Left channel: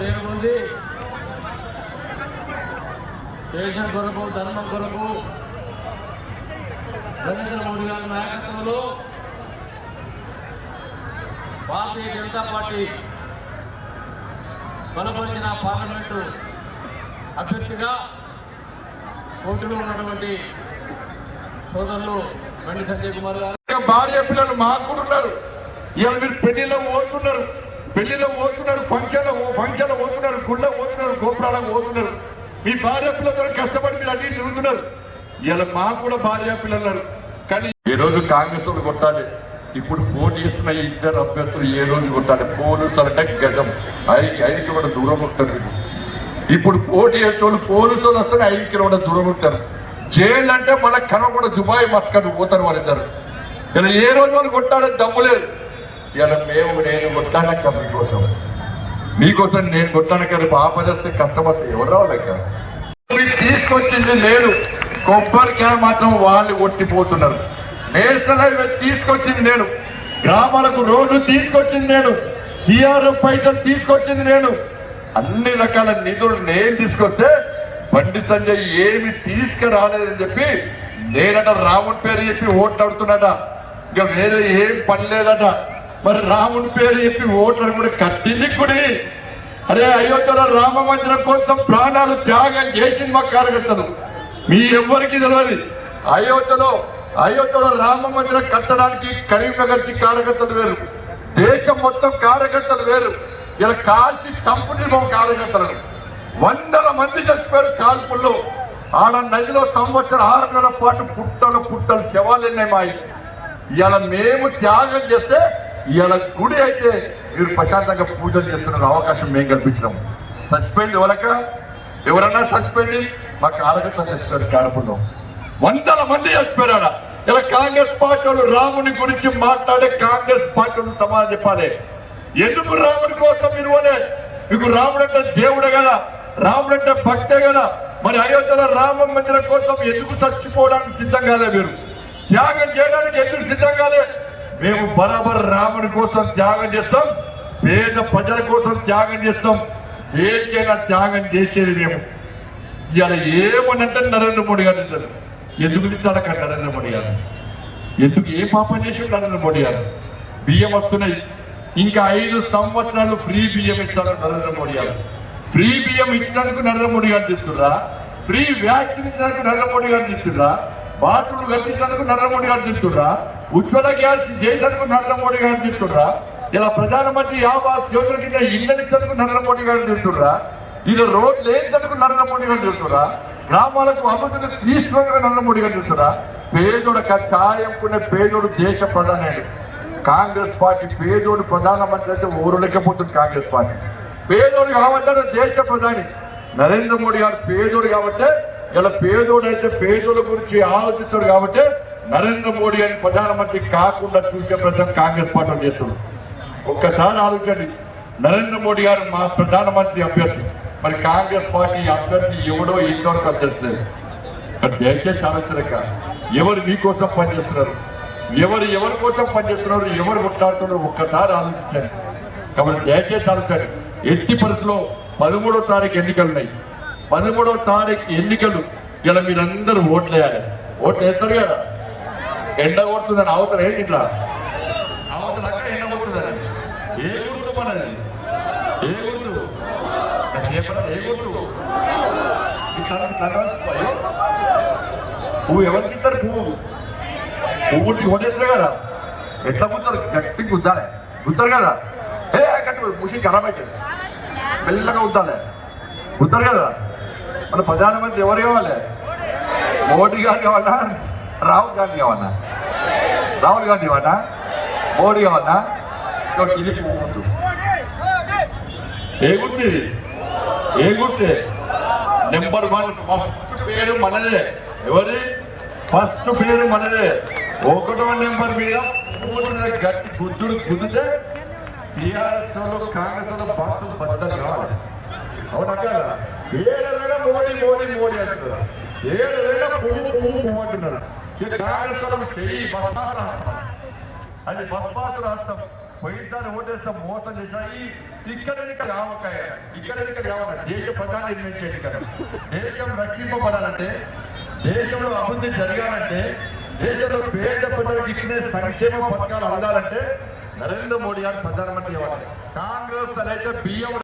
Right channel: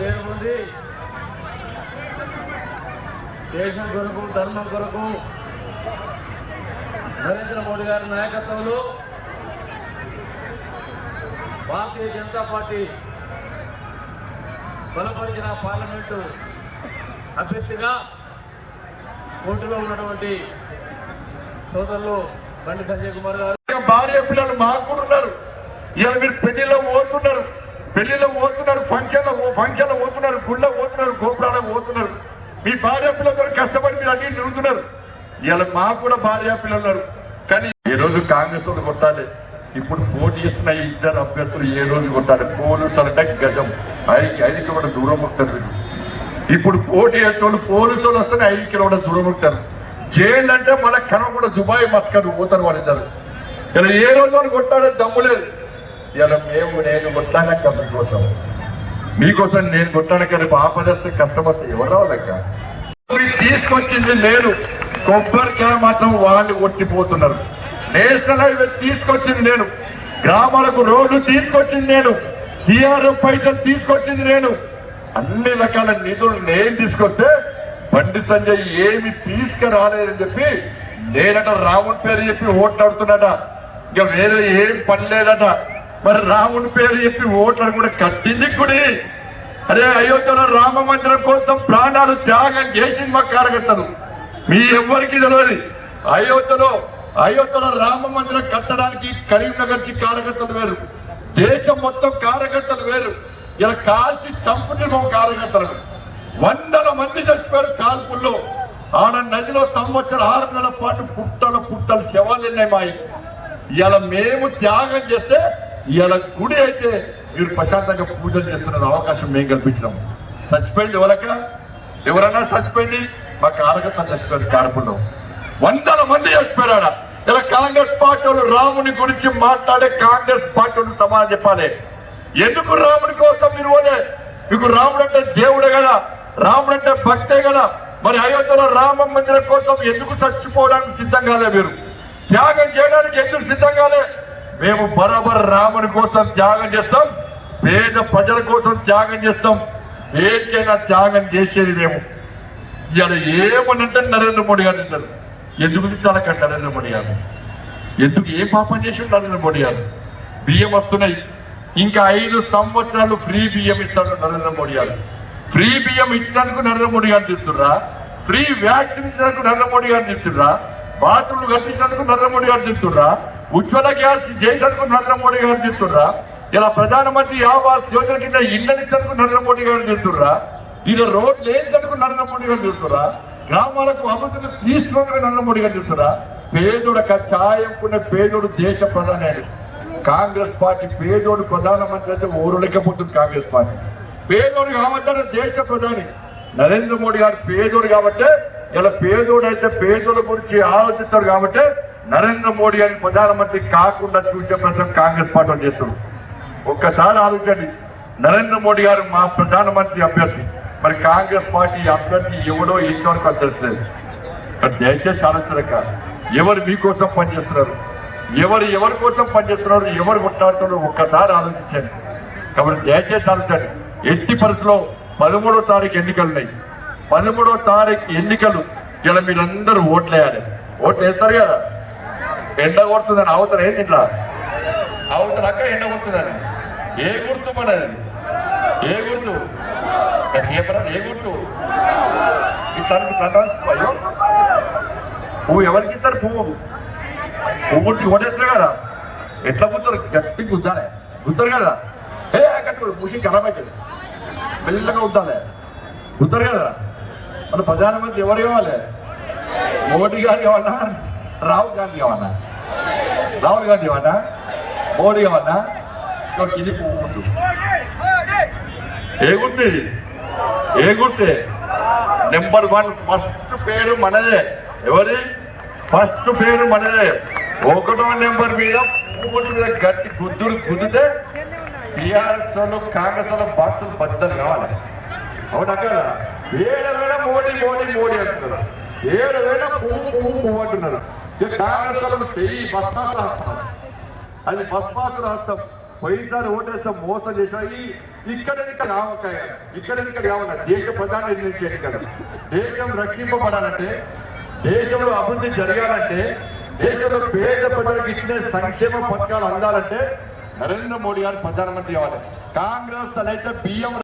పేరు పొంది. దేశం కొరకు ధర్మం కొరకు నరేంద్ర మోడీ గారి నాయకత్వంలో భారతీయ జనతా పార్టీ బలపరిచిన పార్లమెంటు అభ్యర్థిగా పోటీలో ఉన్నటువంటి సోదరులు బండి సంజయ్ కుమార్ గారు. ఇంకా భార్య పిల్లలు మాకు ఉన్నారు. ఇవాళ మీరు పెళ్ళిలో పోతున్నారు. పెళ్ళిలో పోతున్నారు ఫంక్షన్ ఫంక్షన్ పోతున్నారు గుళ్ళ పోతున్నారు గోపురాలకు పోతున్నారు మీ భార్య పిల్లలతో కష్టపడి మీరు అన్ని తిరుగుతున్నారు ఇలా మాకు కూడా భార్య పిల్లలు ఉన్నారు కానీ ఏ రోజు కాంగ్రెస్ వాళ్ళు కొట్టాలి? ఇప్పుడు పోటీ చేస్తున్న ఇద్దరు అభ్యర్థులు ఏ రోజు కొట్టాలి? పోలీసులు అంటే గజం. ఐదు ఐదు కిలోమీటర్ దూరం వస్తారు మీరు ఇప్పుడు పోటీ చేసేవాళ్ళు పోలీసు వాళ్ళు వస్తే ఐదు కిలోమీటర్ దూరం వస్తారు జైలు అంటే మళ్ళీ కనవకుండా దుబాయ్ మస్కట్ పోతారు వాళ్ళిద్దరు. ఇలా ఏ రోజు వాళ్ళు కొట్టాలి దమ్ము లేదు. ఇలా మేము నేను కొట్టానక్క మీకోసం మీకోసం నేను కొట్టానక్క రేపు ఆపదస్తే కష్టం వస్తే ఎవరు రావాలక్క మీరు తీసుకొచ్చింది నేను. కొబ్బరికాయ మాత్రం వాళ్ళు కొట్టిపోతున్నారు. నేషనల్ హైవే తీసుకొచ్చింది నేను. గ్రామాలకు రోడ్లు తీసుకొచ్చింది నేను. సిఆర్ఓ పైసలు తీసుకొచ్చింది నేను. అన్ని రకాల నిధులు నేను తీసుకొస్తే బండి సంజయ్ ఏమి తీసుకురాలేదని చెప్పి నేనట రాముడి పేరు చెప్పి ఓట్లాడుతున్నట. ఇంకా వేరే ఏం పని లేదట. మరి రాముడి పేరు చెప్పి ఓట్లను కూడా కట్టింది కుడి అరే అయోధ్యలో రామ మందిరం కోసం ప్రాణాలు త్యాగం చేసింది మా కార్యకర్తలు. మీ ఎవ్వరికి తెలియదు అయోధ్యలో అయోధ్యలో రామ మందిరం కట్టడానికి కరీంనగర్ కార్యకర్తలు వేరు. దేశం మొత్తం కార్యకర్తలు వేరు. ఇలా కాల్చి చంపుతున్నాం కార్యకర్తలను. వందల మంది చచ్చిపోయారు కాల్పుల్లో. ఆడ నదిలో సంవత్సరం ఆరు నెలల పాటు పుట్టలు పుట్టలు శవాలు ఉన్నాయి మాయి ఇలా మేము త్యాగం చేస్తే ఇవాళ గుడి అయితే మీరు ప్రశాంతంగా పూజలు చేస్తున్న అవకాశం మేము కల్పించినాం. చచ్చిపోయింది ఎవరక ఎవరన్నా చచ్చిపోయింది? మా కార్యకర్త చచ్చిపోయారు కారపుల్లో. వందల మంది చచ్చిపోయారు ఆడ. ఇలా కాంగ్రెస్ పార్టీ వాళ్ళు రాముని గురించి మాట్లాడే కాంగ్రెస్ పార్టీ వాళ్ళు సమాధానం చెప్పాలి. ఎందుకు రాముడి కోసం మీరు పోలే? మీకు రాముడు అంటే దేవుడే కదా. రాముడు అంటే భక్తే కదా. మరి అయోధ్యలో రామ మందిరం కోసం ఎందుకు చచ్చిపోవడానికి సిద్ధం కాలే మీరు? త్యాగం చేయడానికి ఎందుకు సిద్ధం కాలే? మేము బరాబర్ రాముని కోసం త్యాగం చేస్తాం పేద ప్రజల కోసం త్యాగం చేస్తాం. దేనికైనా త్యాగం చేసేది మేము. ఇవాళ ఏమనంటే నరేంద్ర మోడీ గారు తింటారు. ఎందుకు తిట్టాలక నరేంద్ర మోడీ గారు? ఎందుకు ఏ పాపం చేసి నరేంద్ర మోడీ గారు? బియ్యం వస్తున్నాయి. ఇంకా ఐదు సంవత్సరాలు ఫ్రీ బియ్యం ఇస్తాడు నరేంద్ర మోడీ గారు. ఫ్రీ బియ్యం ఇచ్చినందుకు నరేంద్ర మోడీ గారు తిడుతుర్రా ఫ్రీ వ్యాక్సిన్ ఇచ్చినందుకు నరేంద్ర మోడీ గారు తిడుతుర్రా బాత్రూమ్లు కట్టించినందుకు నరేంద్ర మోడీ గారు తిడుతుర్రా ఉజ్వల గ్యాస్ చేసినందుకు నరేంద్ర మోడీ గారు తిడుతుర్రా ఇలా ప్రధానమంత్రి ఆవాస్ యోజన కింద ఇళ్ళని నరేంద్ర మోడీ గారు తిడుతుర్రా ఇది రోడ్ లేచినందుకు నరేంద్ర మోడీ గారు తిడుతుర్రా గ్రామాలకు అభివృద్ధిని తీసుకున్న నరేంద్ర మోడీ గారు తిడుతుర్రా పేదోడు కచ్చాయంకునే పేదోడు దేశ ప్రధాని కాంగ్రెస్ పార్టీ పేదోడు ప్రధానమంత్రి అయితే ఊరలేకపోతుంది కాంగ్రెస్ పార్టీ. పేదోడు కావద్దని దేశ ప్రధాని. నరేంద్ర మోడీ గారు పేదోడు కాబట్టి ఇలా పేదోడు అయితే పేదోడు గురించి ఆలోచిస్తాడు కాబట్టి నరేంద్ర మోడీ అని ప్రధానమంత్రి కాకుండా చూసే ప్రయత్నం కాంగ్రెస్ పార్టీ వాళ్ళు చేస్తున్నారు. ఒక్కసారి ఆలోచించండి. నరేంద్ర మోడీ గారు మా ప్రధానమంత్రి అభ్యర్థి. మరి కాంగ్రెస్ పార్టీ అభ్యర్థి ఎవడో ఇంతవరకు అది తెలుసలేదు దయచేసి ఆలోచనక ఎవరు మీకోసం పనిచేస్తున్నారు? ఎవరు ఎవరి కోసం పనిచేస్తున్నారు? ఎవరు కొట్లాడుతున్నారు? ఒక్కసారి ఆలోచించండి. కాబట్టి దయచేసి ఆలోచించండి. ఎట్టి పరిస్థితిలో పదమూడో తారీఖు ఎన్నికలు ఉన్నాయి. పదమూడో తారీఖు ఎన్నికలు ఇలా మీరందరూ ఓట్లు వేయాలి ఓట్లు వేస్తారు కదా? ఎండ కొడుతుందని అవతల ఏంటి ఇట్లా అవతల అక్కడ ఎండ కొడుతుందని. ఏ గుర్తు మనది ఏ గుర్తు? ఏ గుర్తు? పువ్వు ఎవరికి ఇస్తారు పువ్వు? పువ్వు కొట్టేస్తారు కదా? ఎట్లా గుర్తారు గట్టి గుద్దాలి. గుర్తారు కదా? ఏ గట్టి ముసి ఖరాబ్ అవుతుంది మెల్లగా గుద్దాలి. గుర్తారు కదా? మన ప్రధానమంత్రి ఎవరు కావాలి? మోడీ గారు కావాలా? రాహుల్ గాంధీ కావాలా? రాహుల్ గాంధీ కావాలా మోడీ కావాలా ఇది ముందు ఏ గుర్తు. ఇది ఏ గుర్తే నెంబర్ వన్ ఫస్ట్ పేరు మనదే. ఎవరి ఫస్ట్ పేరు మనదే. ఒకటో నెంబర్ మీద మూడు మీద గట్టి గుద్దులు గుద్దితే టీఆర్ఎస్ కాంగ్రెస్ బాక్సులు బద్దలు కావాలి. ఏడు వేల మోడీ మోడీ మోడీ అంటున్నారు? ఏడు వేల పువ్వు పువ్వు పువ్వు అంటున్నారు? ఇక కాంగ్రెస్ వాళ్ళు భస్మాలు రాస్తాం. అది భస్మాలు రాస్తాం. వైఎస్ఆర్ ఓటేస్తాం మోసం చేశాయి. ఈ- ఇక్కడ ఇక్కడ రామకాయ ఇక్కడ ఇక్కడ దేశ ప్రధాని నిర్ణయించేది కదా. దేశం రక్షింపబడాలంటే దేశంలో అభివృద్ధి జరగాలంటే దేశంలో పేద ప్రజలకు ఇట్లే సంక్షేమ పథకాలు అందాలంటే నరేంద్ర మోడీ గారు ప్రధానమంత్రి అవ్వాలి కాంగ్రెస్ తలైతే బియ్యం